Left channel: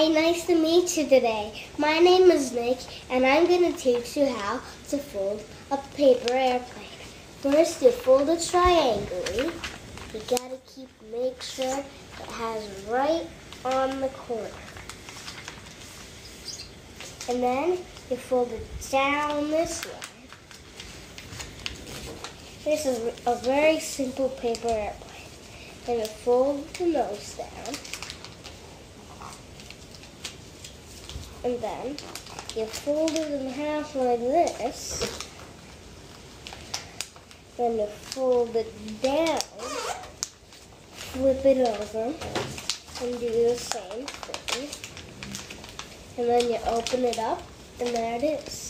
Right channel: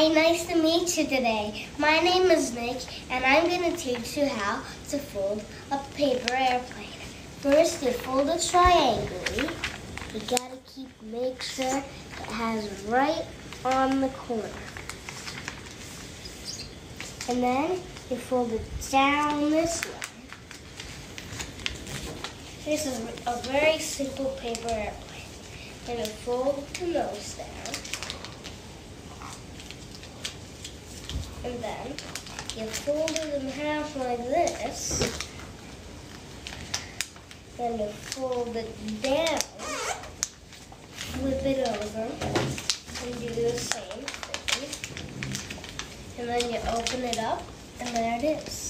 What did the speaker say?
Hi, nice to meet you today. My name is Nick, and I'm going to teach you how to fold a paper airplane. First, you fold it triangularly. You got to make sure it has right on the corner. And then you fold it down this way. This is a very simple paper airplane. Then you fold the nose down. And then you fold it in half like this. Then you fold it down, flip it over, and do the same thing. And then you open it up, and there it is.